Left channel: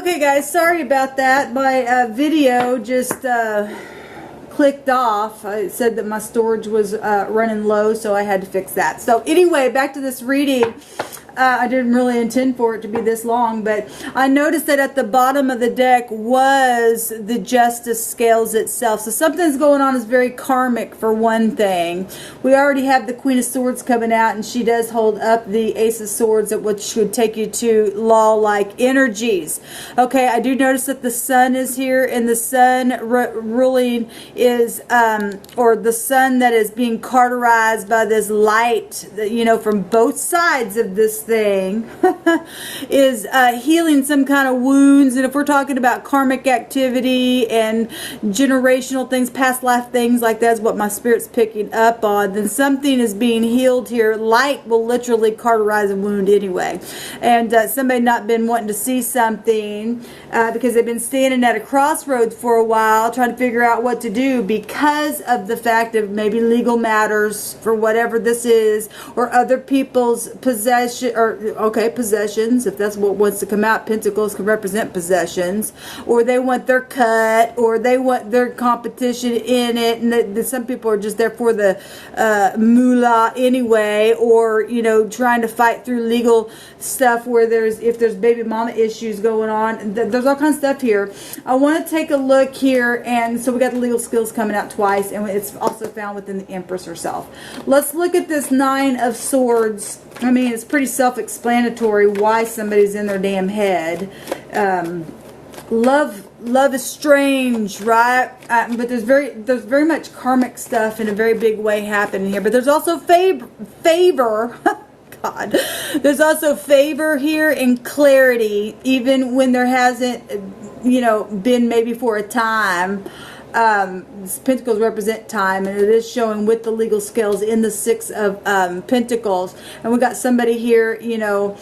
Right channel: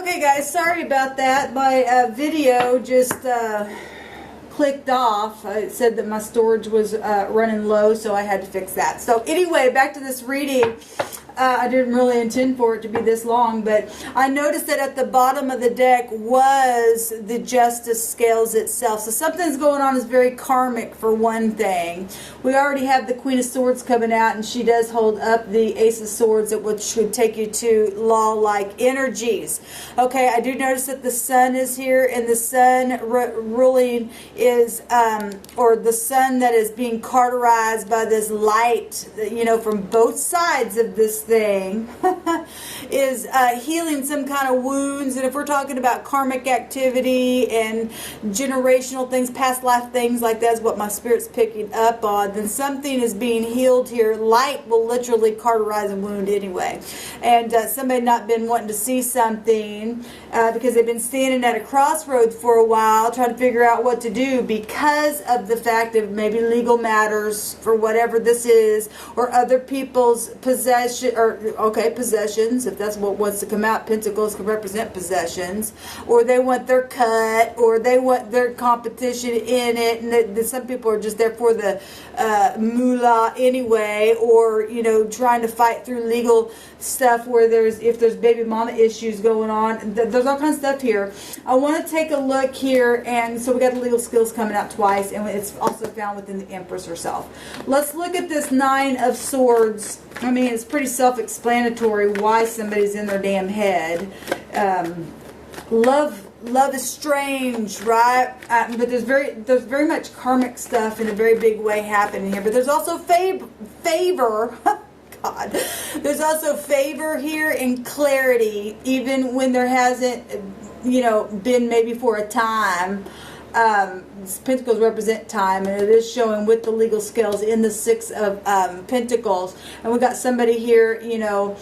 Okay guys, sorry about that. My video just clicked off. It said that my storage was running low, so I had to fix that. So anyway, back to this reading. I didn't really intend for it to be this long, but I noticed that at the bottom of the deck was the Justice Scales itself. So something's going on is very karmic for one thing. We already have the Queen of Swords coming out, and she does hold up the Ace of Swords, which should take you to law-like energies. Okay, I do notice that the Sun is here, and the Sun ruling is, or the Sun that is being cauterized by this light, you know, from both sides of this thing is healing some kind of wounds. And if we're talking about karmic activity and generational things, past life things like that's what my spirit's picking up on, then something is being healed here. Light will literally cauterize a wound anyway. And somebody not been wanting to see something because they've been standing at a crossroads for a while trying to figure out what to do because of the fact of maybe legal matters for whatever this is, or other people's possession, or possessions, if that's what wants to come out. Pentacles can represent possessions, or they want their cut, or they want their competition in it, and some people are just there for the moolah anyway, or you know, trying to fight through legal stuff where if there's baby mama issues going on. There's all kinds of stuff here. I want to take a look here, and so we got the legal skills coming out twice, and it's also found within the Empress herself. Let's look at this Nine of Swords. I mean, it's pretty self-explanatory why somebody's in their damn head. Love is strange, right? But there's very much karmic stuff in a very big way happening here. But there's also favor. God, there's also favor here and clarity, even when there hasn't, you know, been maybe for a time. Pentacles represent time, and it is showing with the legal scales in the Six of Pentacles. And we got somebody here, you know,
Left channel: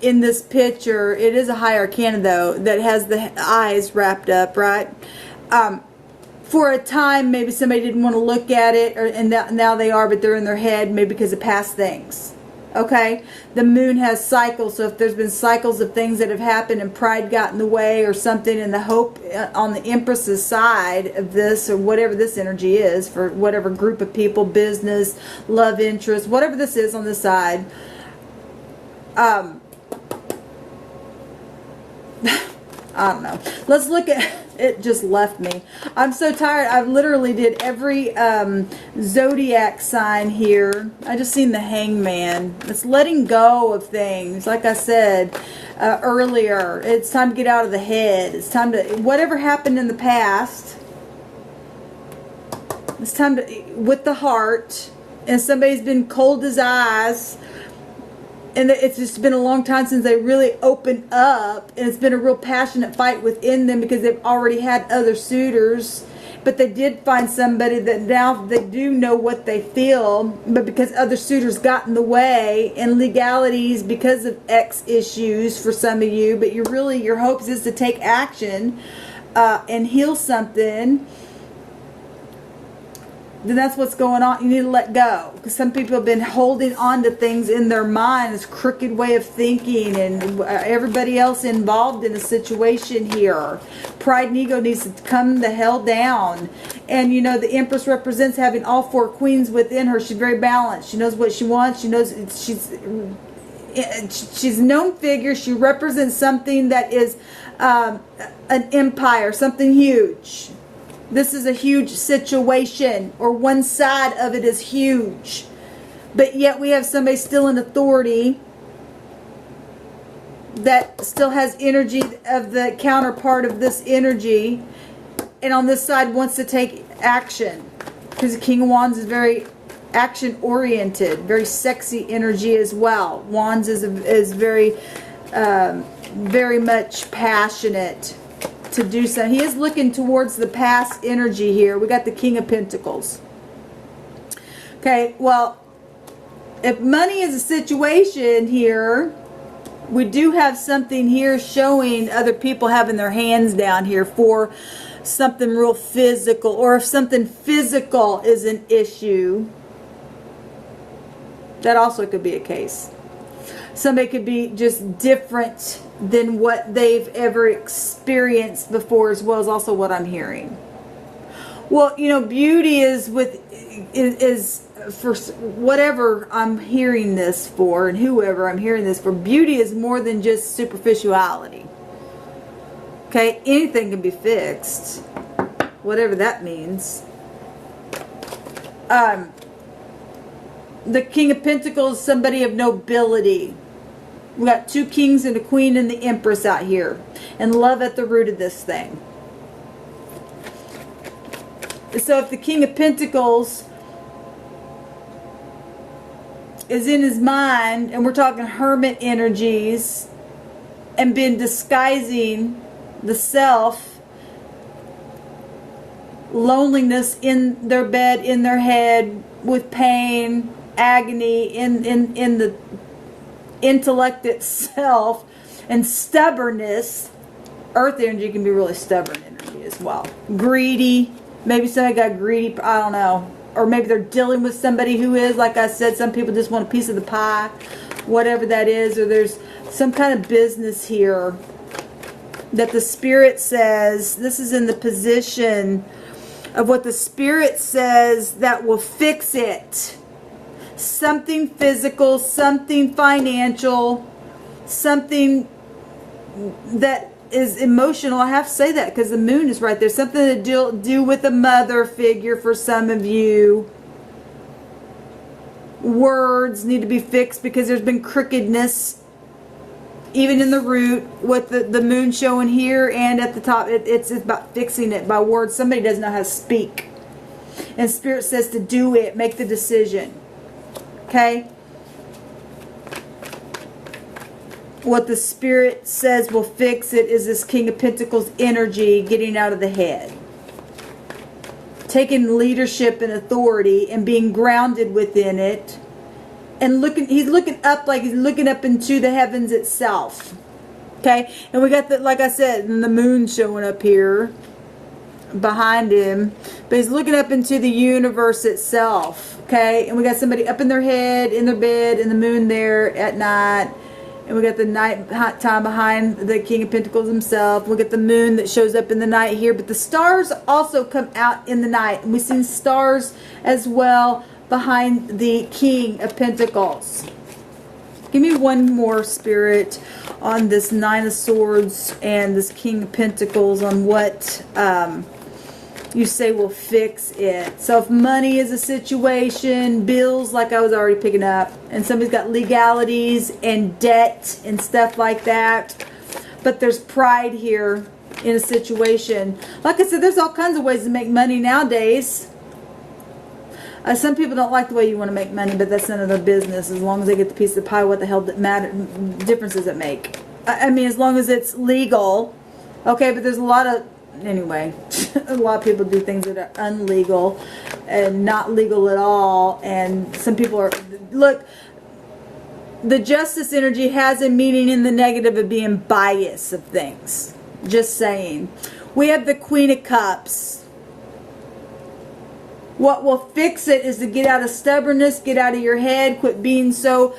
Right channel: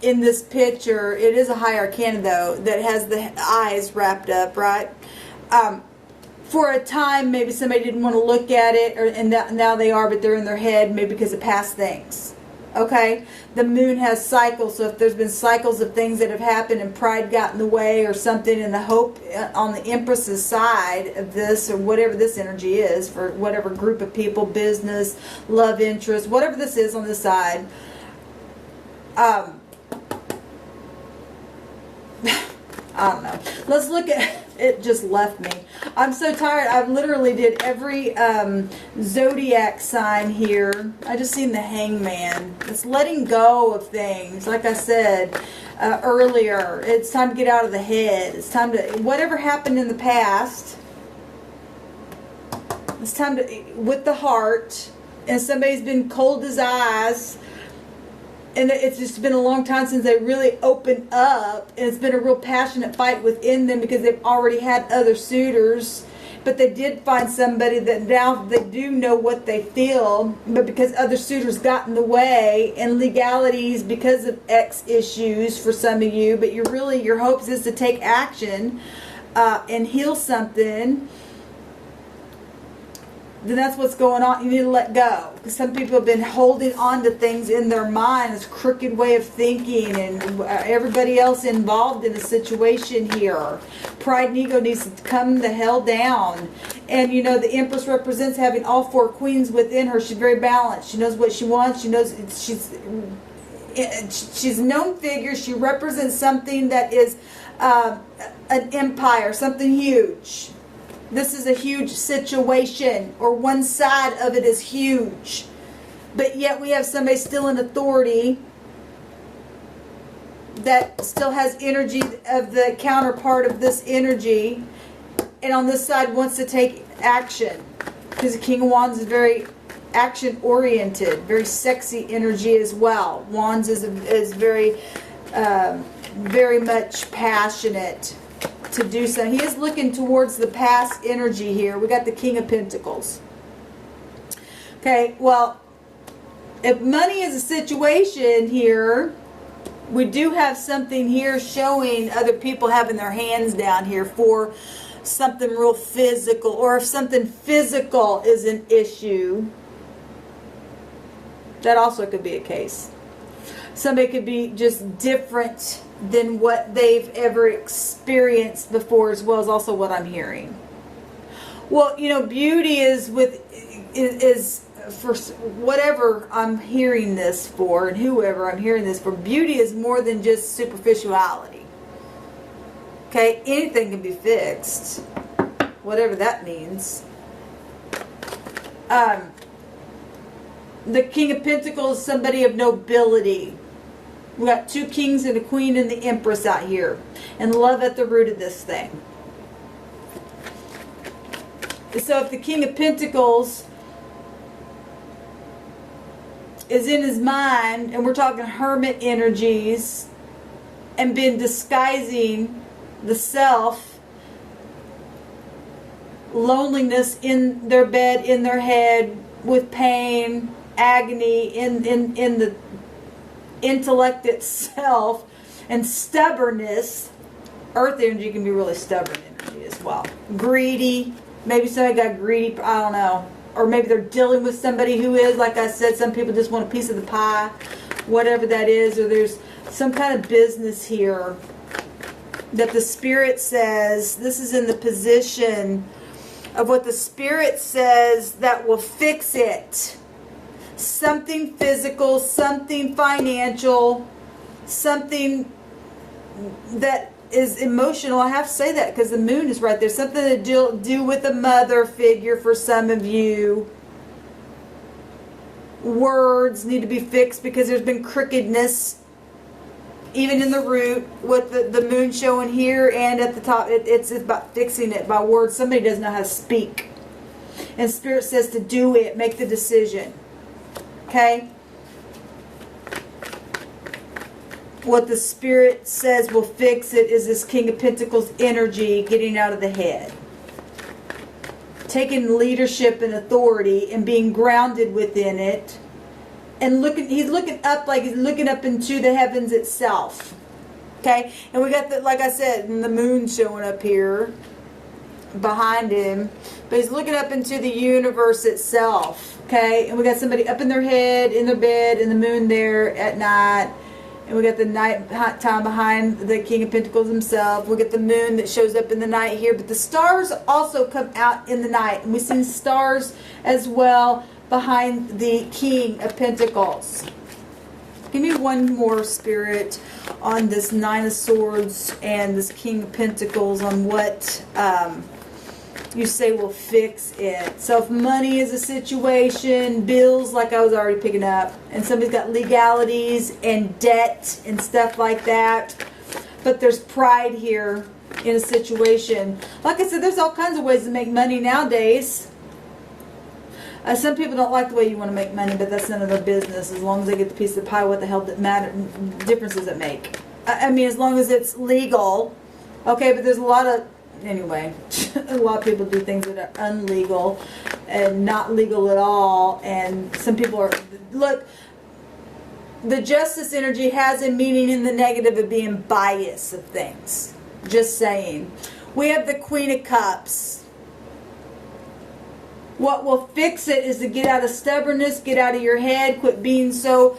in this picture. It is a high arcana though that has the eyes wrapped up, right? For a time, maybe somebody didn't want to look at it, and now they are, but they're in their head, maybe because of past things. Okay, the moon has cycles, so if there's been cycles of things that have happened and pride got in the way or something, and the hope on the Empress's side of this, or whatever this energy is, for whatever group of people, business, love interest, whatever this is on this side, I don't know. Let's look at it. Just left me. I'm so tired. I've literally did every zodiac sign here. I just seen the Hangman. It's letting go of things. Like I said earlier, it's time to get out of the head. It's time to, whatever happened in the past, it's time to, with the heart, and somebody's been cold as ice, and it's just been a long time since they really opened up, and it's been a real passionate fight within them because they've already had other suitors, but they did find somebody that now they do know what they feel, but because other suitors got in the way, and legalities because of X issues for some of you, but your hopes is to take action and heal something. Then that's what's going on. You need to let go, because some people have been holding on to things in their mind, this crooked way of thinking, and everybody else involved in the situation here. Pride and ego needs to come the hell down. And you know, the Empress represents having all four queens within her. She's very balanced. She knows what she wants. She knows she's a known figure. She represents something that is an empire, something huge. This is a huge situation, or one side of it is huge. But yet we have somebody still in authority that still has energy of the counterpart of this energy, and on this side wants to take action. Because the King of Wands is very action oriented, very sexy energy as well. Wands is very, very much passionate to do so. He is looking towards the past energy here. We got the King of Pentacles. Okay, well, if money is a situation here, we do have something here showing other people having their hands down here for something real physical, or if something physical is an issue, that also could be a case. Somebody could be just different than what they've ever experienced before, as well as also what I'm hearing. Well, you know, beauty is for whatever I'm hearing this for, and whoever I'm hearing this for, beauty is more than just superficiality. Okay, anything can be fixed, whatever that means. The King of Pentacles is somebody of nobility. We got 2 kings and a queen and the empress out here, and love at the root of this thing. So if the King of Pentacles is in his mind, and we're talking hermit energies, and been disguising the self, loneliness in their bed, in their head, with pain, agony, in the intellect itself, and stubbornness. Earth energy can be really stubborn energy as well. Greedy. Maybe somebody got greedy, I don't know. Or maybe they're dealing with somebody who is, like I said, some people just want a piece of the pie, whatever that is. Or there's some kind of business here that the Spirit says, this is in the position of what the Spirit says that will fix it. Something physical, something financial, something that is emotional. I have to say that because the moon is right there. Something to do with a mother figure for some of you. Words need to be fixed because there's been crookedness even in the root with the moon showing here and at the top. It's about fixing it by words. Somebody doesn't know how to speak. And Spirit says to do it. Make the decision. Okay? What the Spirit says will fix it is this King of Pentacles energy getting out of the head. Taking leadership and authority and being grounded within it. And he's looking up like he's looking up into the heavens itself. Okay? And we got the, like I said, the moon showing up here behind him. But he's looking up into the universe itself. Okay? And we got somebody up in their head, in their bed, and the moon there at night. And we got the night time behind the King of Pentacles himself. We got the moon that shows up in the night here. But the stars also come out in the night. And we've seen stars as well behind the King of Pentacles. Give me one more, Spirit, on this Nine of Swords and this King of Pentacles, on what you say will fix it. So if money is a situation, bills, like I was already picking up, and somebody's got legalities and debt and stuff like that, but there's pride here in a situation. Like I said, there's all kinds of ways to make money nowadays. Some people don't like the way you want to make money, but that's none of their business. As long as they get the piece of the pie, what the hell difference does it make? I mean, as long as it's legal. Okay, but there's a lot of, anyway, a lot of people do things that are unlegal and not legal at all. And some people are, look, the justice energy has a meaning in the negative of being biased of things. Just saying. We have the Queen of Cups. What will fix it is to get out of stubbornness, get out of your head, quit being so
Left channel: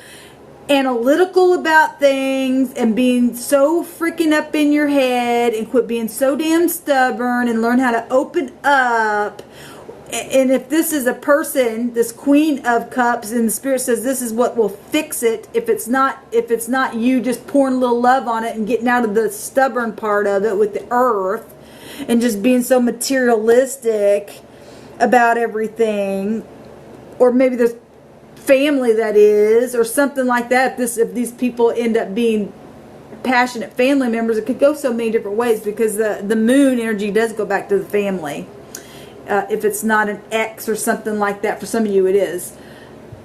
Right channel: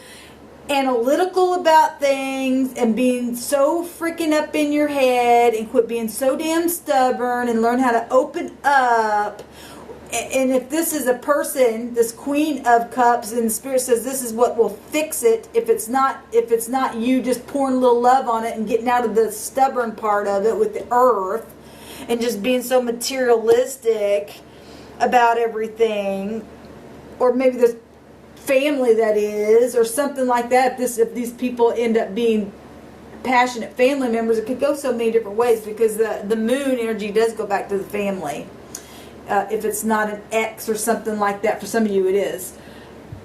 analytical about things and being so freaking up in your head, and quit being so damn stubborn, and learn how to open up. And if this is a person, this Queen of Cups, and the Spirit says this is what will fix it, if it's not you just pouring a little love on it and getting out of the stubborn part of it with the earth and just being so materialistic about everything, or maybe there's family that is, or something like that. If these people end up being passionate family members, it could go so many different ways, because the moon energy does go back to the family. If it's not an ex or something like that, for some of you it is.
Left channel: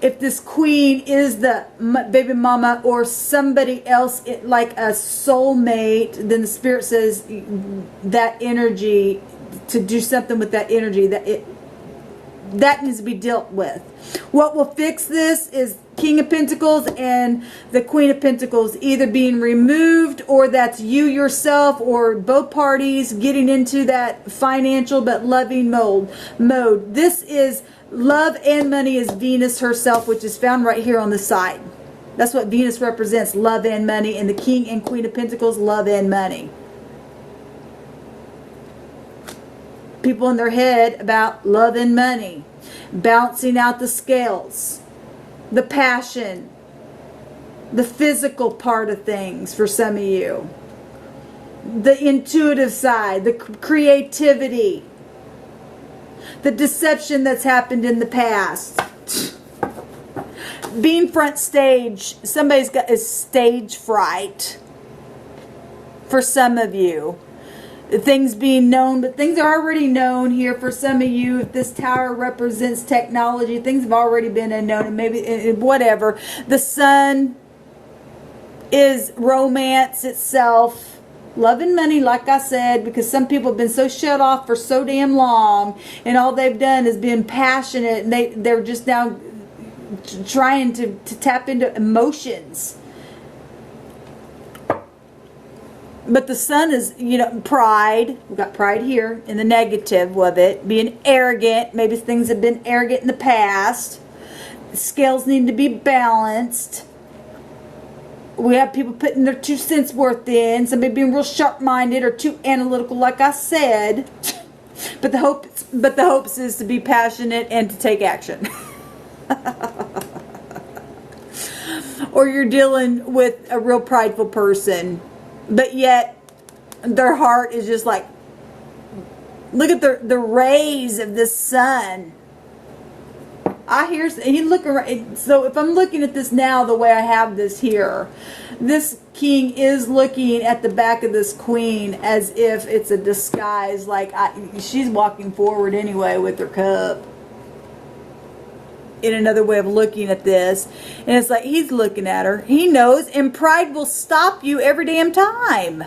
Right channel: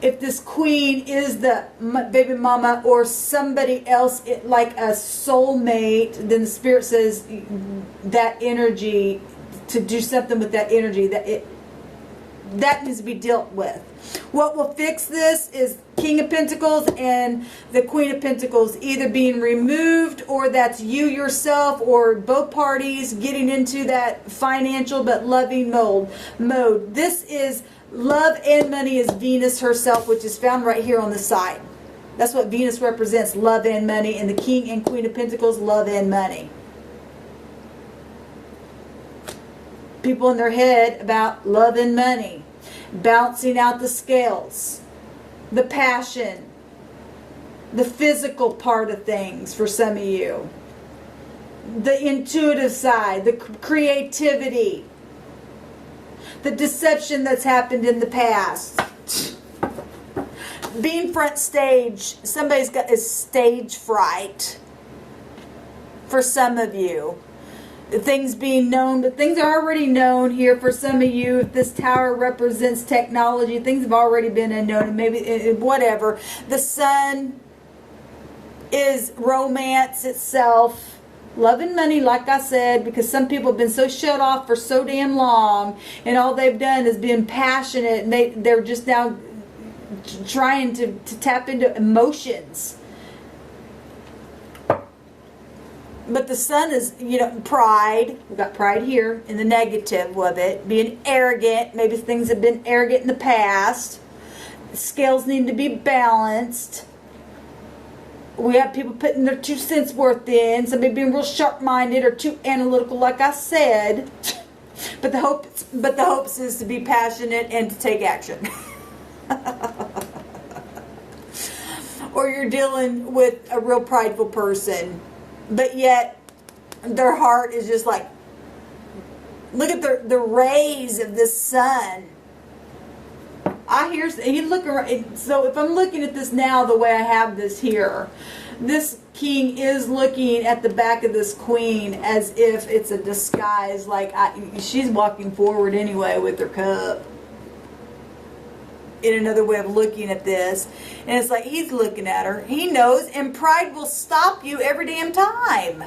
If this queen is the baby mama or somebody else, like a soulmate, then the Spirit says that energy, to do something with that energy, that needs to be dealt with. What will fix this is King of Pentacles and the Queen of Pentacles either being removed, or that's you yourself, or both parties getting into that financial but loving mode. This is love and money is Venus herself, which is found right here on the side. That's what Venus represents, love and money. And the King and Queen of Pentacles, love and money. People in their head about love and money. Balancing out the scales. The passion. The physical part of things for some of you. The intuitive side. The creativity. The deception that's happened in the past. Being front stage. Somebody's got a stage fright. For some of you. Things being known, but things are already known here for some of you. If this tower represents technology, things have already been known, and maybe whatever. The sun is romance itself. Love and money, like I said, because some people have been so shut off for so damn long, and all they've done is been passionate, and they're just now trying to tap into emotions. But the sun is, you know, pride. We've got pride here in the negative of it. Being arrogant. Maybe things have been arrogant in the past. Scales need to be balanced. We have people putting their 2 cents worth in. Somebody being real sharp-minded or too analytical, like I said. But the hopes is to be passionate and to take action. Or you're dealing with a real prideful person. But yet, their heart is just like, look at the rays of the sun. You look around. So if I'm looking at this now the way I have this here, this king is looking at the back of this queen as if it's a disguise. Like she's walking forward anyway with her cup. In another way of looking at this. And it's like he's looking at her. He knows. And pride will stop you every damn time.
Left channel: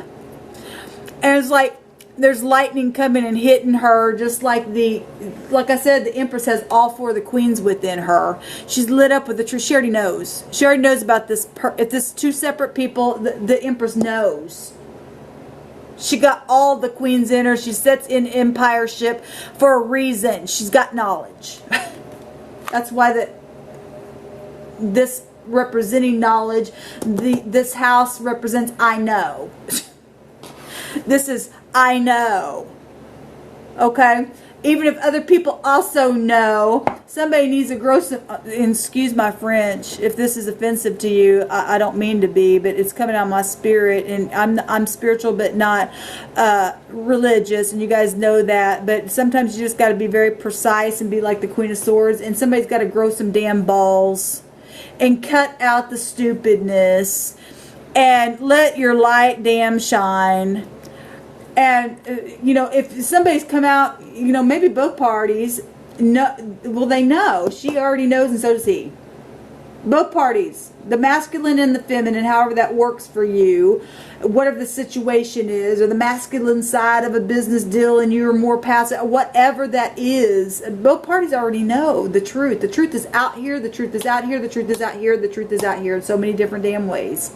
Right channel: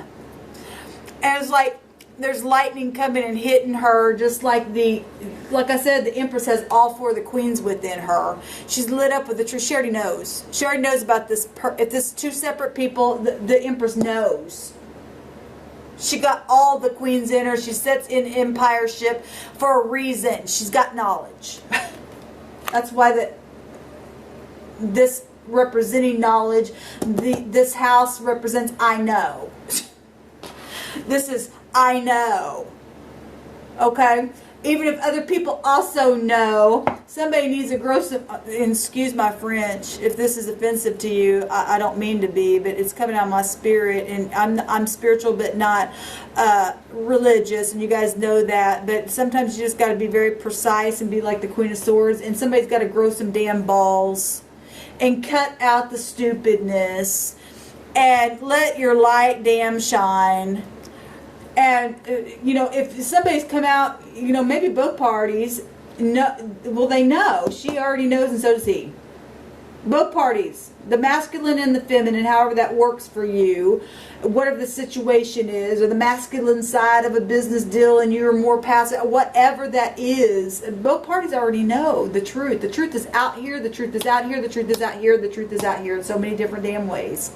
And it's like there's lightning coming and hitting her. Just like like I said, the Empress has all 4 of the queens within her. She's lit up with the truth. She already knows. She already knows about this. If this is 2 separate people, the Empress knows. She got all the queens in her. She sits in empireship for a reason. She's got knowledge. That's why this representing knowledge, this house represents I know. This is I know. Okay? Even if other people also know, somebody needs to grow some, excuse my French, if this is offensive to you, I don't mean to be, but it's coming out of my spirit, and I'm spiritual but not religious, and you guys know that, but sometimes you just got to be very precise and be like the Queen of Swords, and somebody's got to grow some damn balls and cut out the stupidness and let your light damn shine. And, you know, if somebody's come out, you know, maybe both parties, well, they know. She already knows, and so does he. Both parties, the masculine and the feminine, however that works for you, whatever the situation is, or the masculine side of a business deal and you're more passive, whatever that is, both parties already know the truth. The truth is out here, the truth is out here, the truth is out here, the truth is out here in so many different damn ways.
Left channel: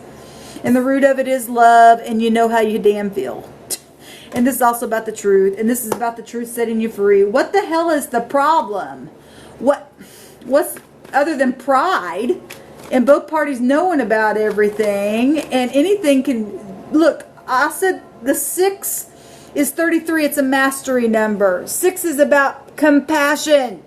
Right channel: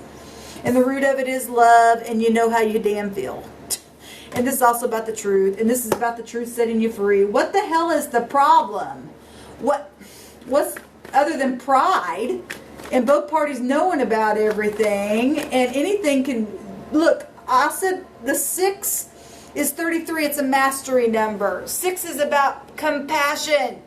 And the root of it is love, and you know how you damn feel. And this is also about the truth. And this is about the truth setting you free. What the hell is the problem? What's other than pride and both parties knowing about everything, and anything can... Look, I said the 6 is 33. It's a mastery number. 6 is about compassion.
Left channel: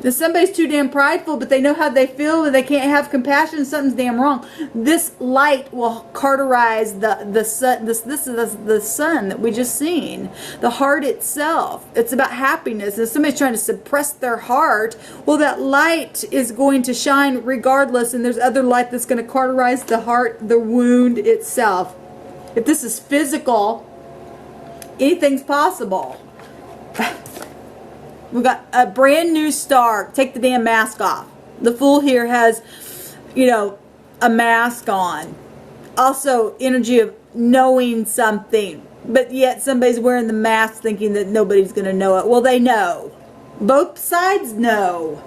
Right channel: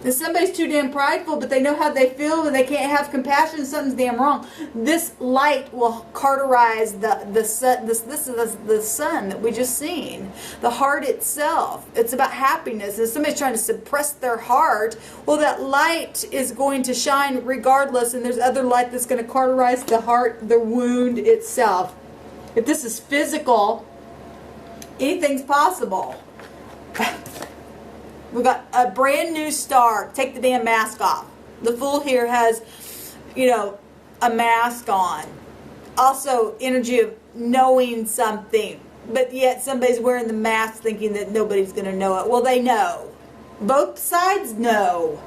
If somebody's too damn prideful, but they know how they feel and they can't have compassion, something's damn wrong. This light will cauterize the sun. This is the sun that we just seen. The heart itself. It's about happiness. And if somebody's trying to suppress their heart, well, that light is going to shine regardless, and there's other light that's going to cauterize the heart, the wound itself. If this is physical, anything's possible. We got a brand new star. Take the damn mask off. The Fool here has, you know, a mask on. Also, energy of knowing something. But yet somebody's wearing the mask thinking that nobody's going to know it. Well, they know. Both sides know.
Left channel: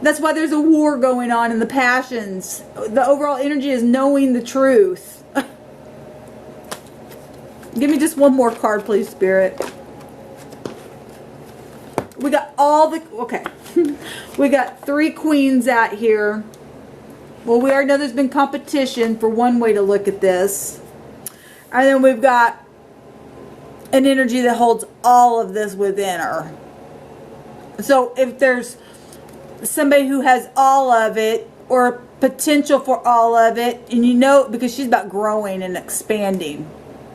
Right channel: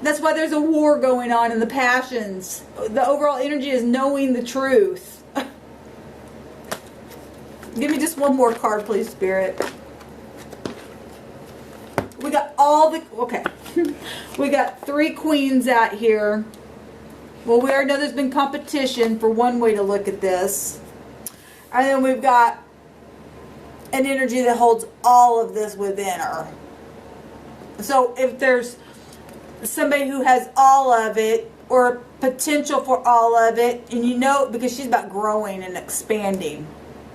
That's why there's a war going on in the passions. The overall energy is knowing the truth. Give me just one more card, please, Spirit. We got all the... Okay. We got 3 queens out here. Well, we already know there's been competition for one way to look at this. And then we've got an energy that holds all of this within her. So if there's somebody who has all of it, or potential for all of it, and you know, because she's about growing and expanding,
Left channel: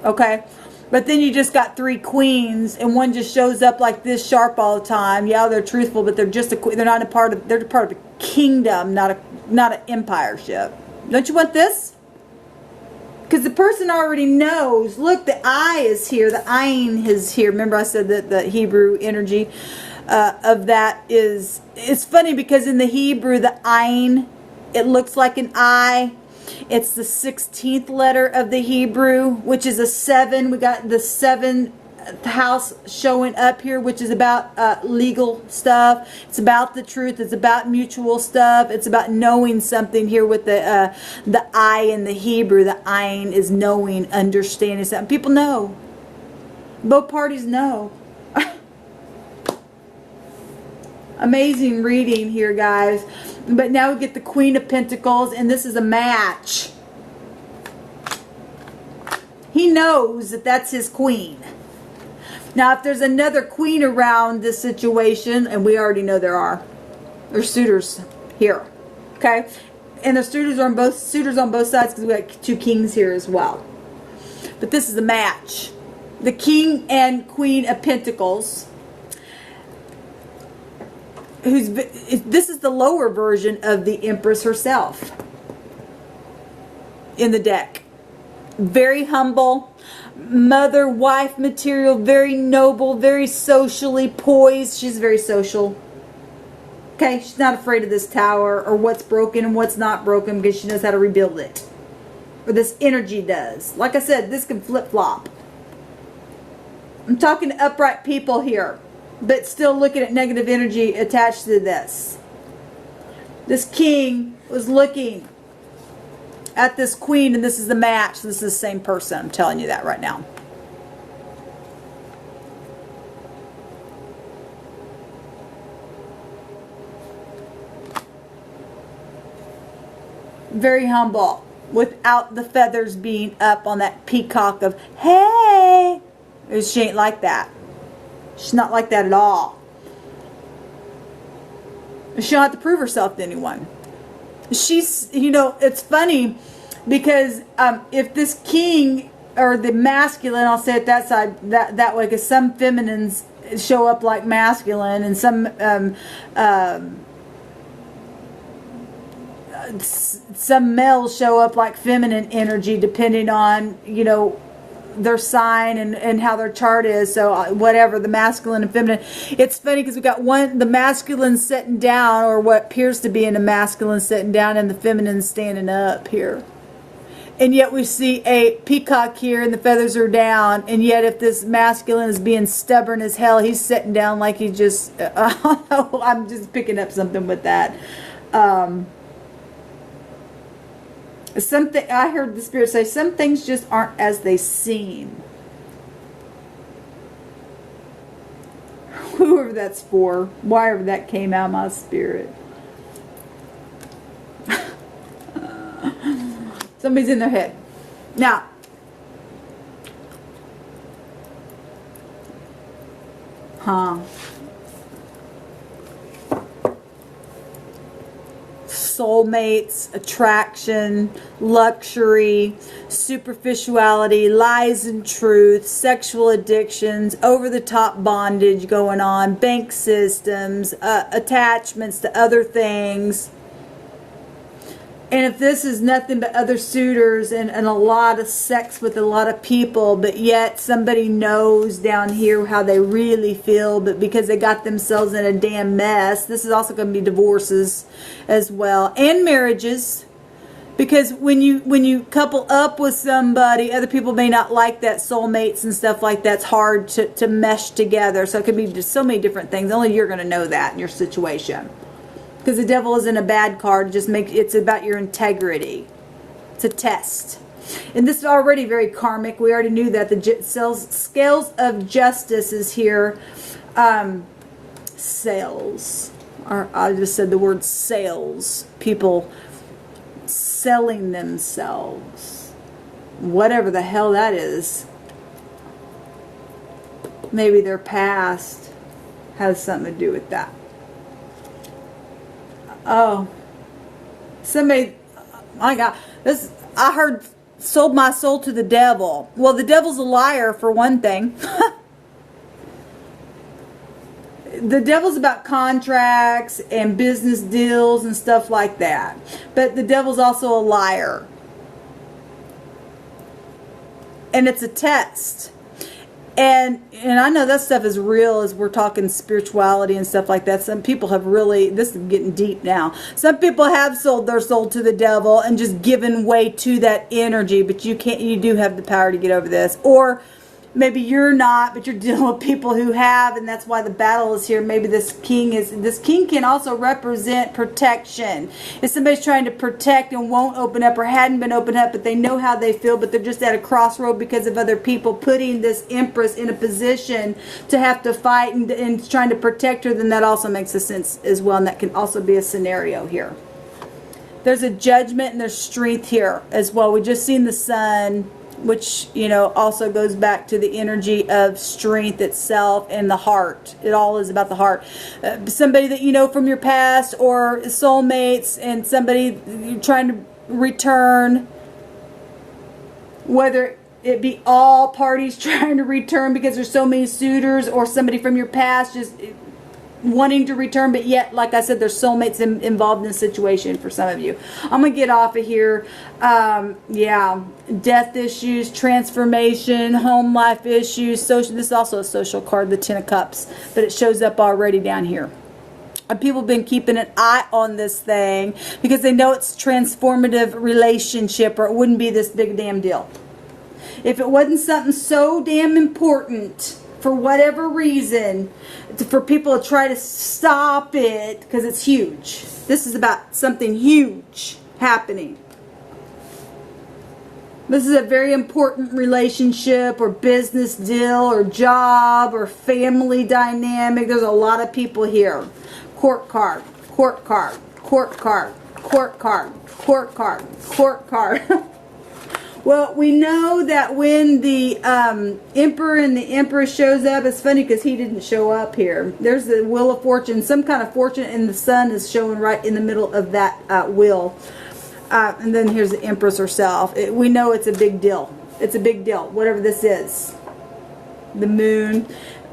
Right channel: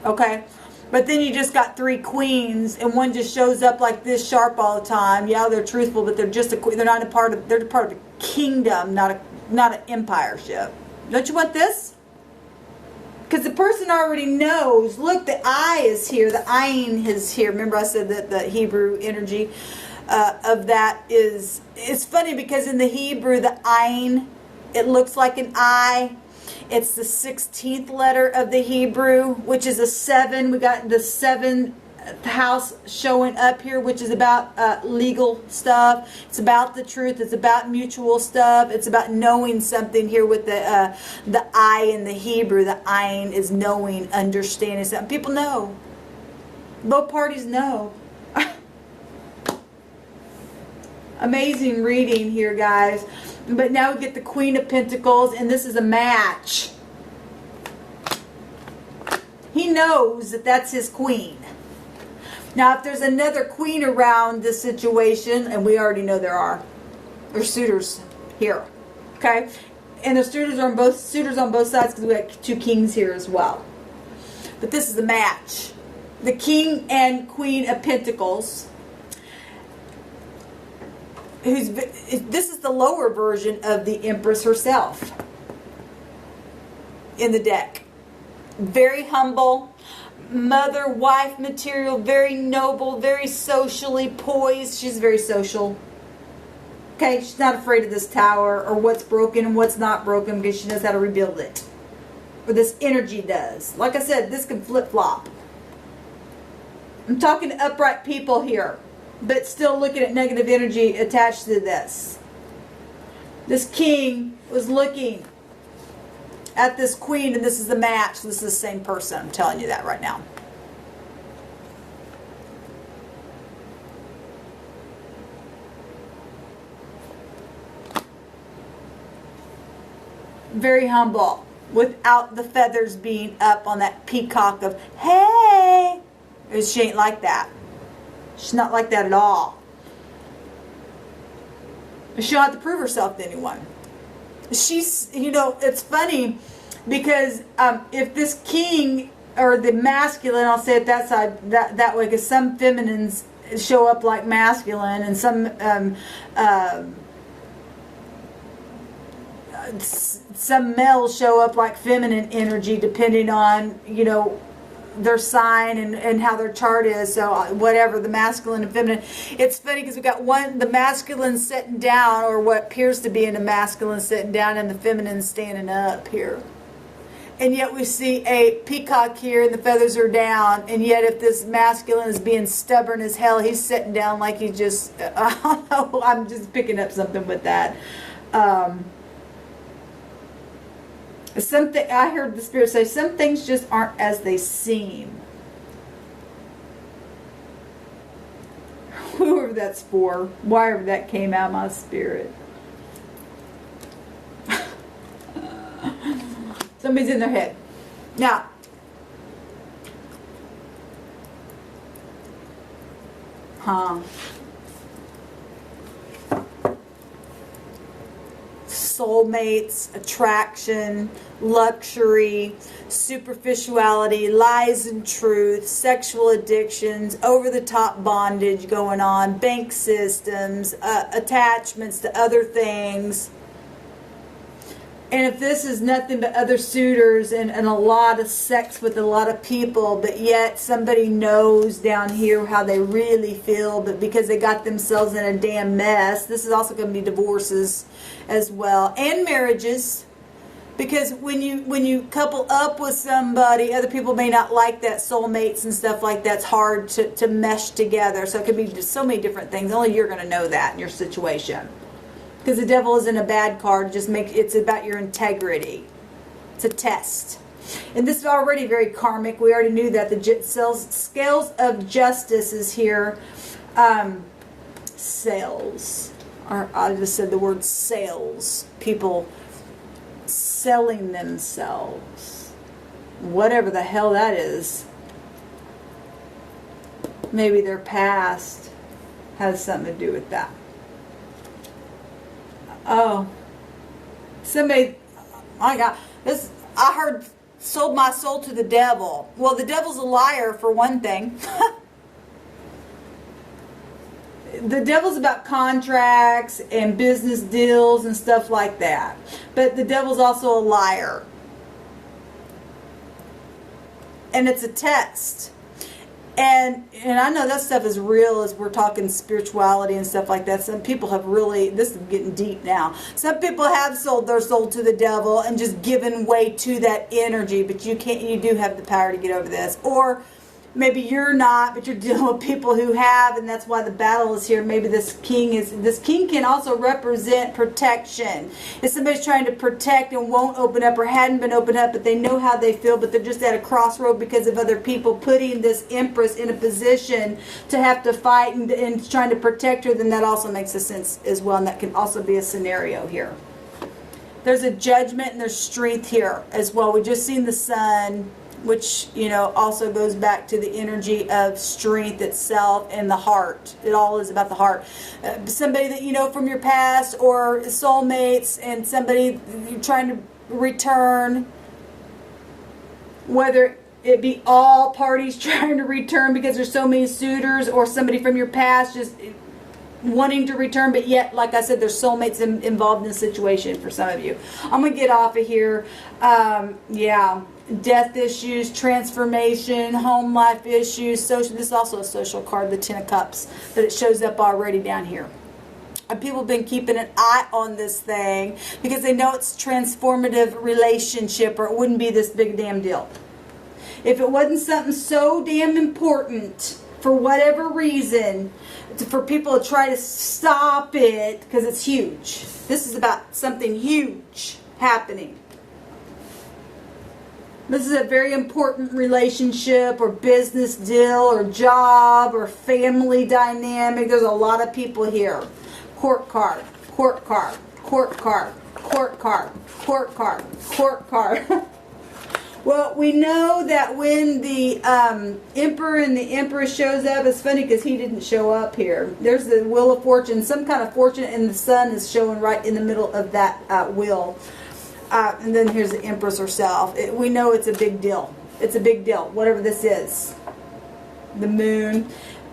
okay? But then you just got 3 queens, and one just shows up like this, sharp all the time. Yeah, they're truthful, but they're just they're not a part of. They're part of a kingdom, not an empireship. Don't you want this? Because the person already knows. Look, the eye is here. The ayin is here. Remember, I said that the Hebrew energy of that is. It's funny because in the Hebrew, the ayin, it looks like an eye. It's the 16th letter of the Hebrew, which is a 7. We got the 7th house showing up here, which is about legal stuff. It's about the truth. It's about mutual stuff. It's about knowing something here with the I in the Hebrew. The ayin is knowing, understanding something. People know. Both parties know. Amazing reading here, guys. But now we get the Queen of Pentacles, and this is a match. He knows that that's his queen. Now, if there's another queen around this situation, and we already know there's suitors here, okay? And there's suitors on both sides, because we got 2 kings here as well. But this is a match. The King and Queen of Pentacles. This is the lower version of the Empress herself in the deck. Very humble, mother, wife material, very noble, very socially poised. She's very social. Okay, she's not afraid of this tower or what's broken and what's not broken, because she knows how to rebuild it. Or this energy does. Like I said, this can flip-flop. I'm talking to upright people here, but still looking at negative energy attached to this. This king was looking at this queen, and this is the match. This is the same person. I'm telling you that right now. Very humble, without the feathers being up on that peacock of, hey. She ain't like that. She's not like that at all. She don't have to prove herself to anyone. She's, you know, it's funny because if this king, or the masculine, I'll say it that side, that way, because some feminines show up like masculine, and some males show up like feminine energy, depending on, you know, their sign and how their chart is. So whatever, the masculine and feminine. It's funny because we got the masculine sitting down, or what appears to be in the masculine sitting down, and the feminine standing up here. And yet we see a peacock here, and the feathers are down. And yet if this masculine is being stubborn as hell, he's sitting down like he just, I don't know, I'm just picking up something with that. Something I heard the Spirit say, some things just aren't as they seem. Whoever that's for, wherever that came out of my spirit. Somebody's in their head. Now, soulmates, attraction, luxury, superficiality, lies and truth, sexual addictions, over-the-top bondage going on, bank systems, attachments to other things. And if this is nothing but other suitors and a lot of sex with a lot of people, but yet somebody knows down here how they really feel, but because they got themselves in a damn mess, this is also going to be divorces as well, and marriages. Because when you couple up with somebody, other people may not like that, soulmates and stuff like that's hard to mesh together. So it could be just so many different things. Only you're going to know that in your situation. Because the devil isn't a bad card. It's about your integrity. It's a test. And this is already very karmic. We already knew that. The scales of justice is here. Sales. or I just said the word sales. People selling themselves. Whatever the hell that is. Maybe their past has something to do with that. Oh. Somebody, my God, this, I heard, sold my soul to the devil. Well, the devil's a liar, for one thing. The devil's about contracts and business deals and stuff like that. But the devil's also a liar. And it's a test. And I know that stuff is real as we're talking spirituality and stuff like that. Some people have really, this is getting deep now. Some people have sold their soul to the devil and just given way to that energy. But you do have the power to get over this. Or maybe you're not, but you're dealing with people who have, and that's why the battle is here. Maybe this king can also represent protection. If somebody's trying to protect and won't open up or hadn't been opened up, but they know how they feel, but they're just at a crossroad because of other people putting this empress in a position to have to fight and trying to protect her, then that also makes a sense as well, and that can also be a scenario here. There's a judgment and there's strength here as well. We just seen the sun, which, you know, also goes back to the energy of strength itself and the heart. It all is about the heart. Somebody that you know from your past, or soulmates, and somebody you're trying to return, whether it be all parties trying to return because there's so many suitors, or somebody from your past just wanting to return, but yet, like I said, there's soulmates involved in the situation for some of you. I'm going to get off of here. Yeah, death issues, transformation, home life issues, social. This is also a social card, the Ten of Cups, but it shows up already down here. And people have been keeping an eye on this thing because they know it's transformative relationship, or it wouldn't be this big damn deal. If it wasn't something so damn important, for whatever reason, for people to try to stop it, because it's huge. This is about something huge happening. This is a very important relationship or business deal or job or family dynamic. There's a lot of people here. Court card, court card, court card, court card, court card, court card. Well, we know that when the Emperor and the Empress shows up, it's funny because he didn't show up here. There's the Wheel of Fortune, some kind of fortune, and the sun is showing right in the middle of that wheel. And then here's the Empress herself. We know it's a big deal. It's a big deal, whatever this is. The moon.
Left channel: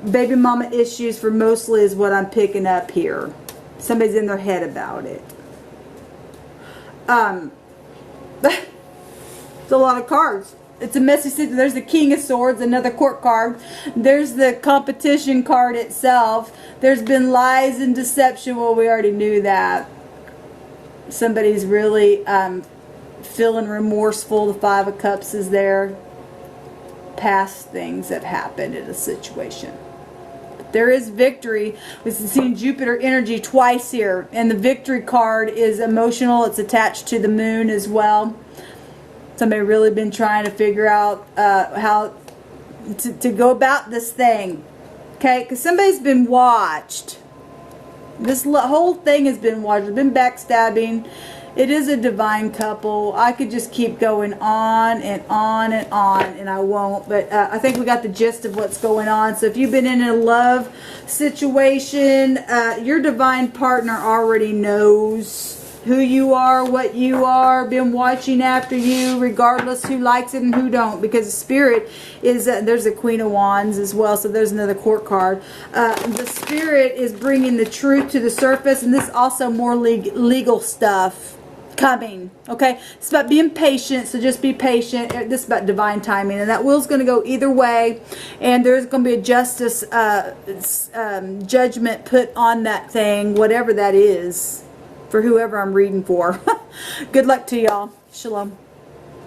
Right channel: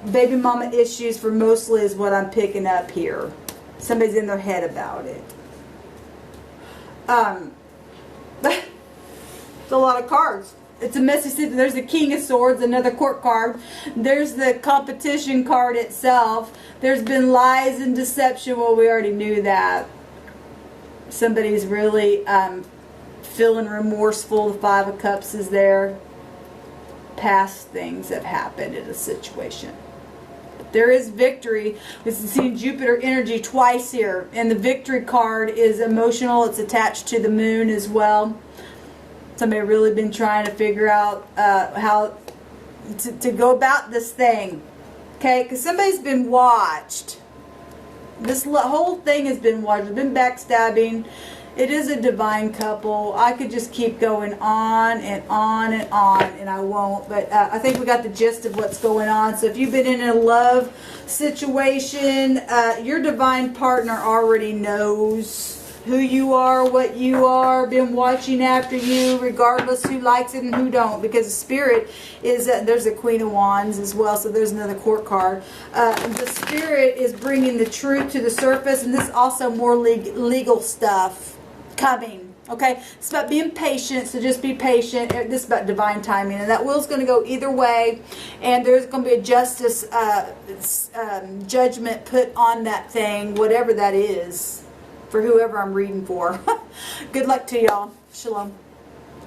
Baby mama issues for mostly is what I'm picking up here. Somebody's in their head about it. It's a lot of cards. It's a messy season. There's the King of Swords, another court card. There's the competition card itself. There's been lies and deception. Well, we already knew that. Somebody's really feeling remorseful. The Five of Cups is there. Past things have happened in a situation. But there is victory. We've seen Jupiter energy twice here. And the victory card is emotional. It's attached to the moon as well. Somebody really been trying to figure out how to go about this thing. Okay? Because somebody's been watched. This whole thing has been watched. There's been backstabbing. It is a divine couple. I could just keep going on and on and on, and I won't. But I think we got the gist of what's going on. So if you've been in a love situation, your divine partner already knows who you are, what you are, been watching after you, regardless who likes it and who don't, because the Spirit is, there's a Queen of Wands as well, so there's another court card. The Spirit is bringing the truth to the surface, and this is also more legal stuff coming, okay? It's about being patient, so just be patient. This is about divine timing, and that wheel's going to go either way, and there's going to be a justice judgment put on that thing, whatever that is, for whoever I'm reading for. Good luck to y'all. Shalom.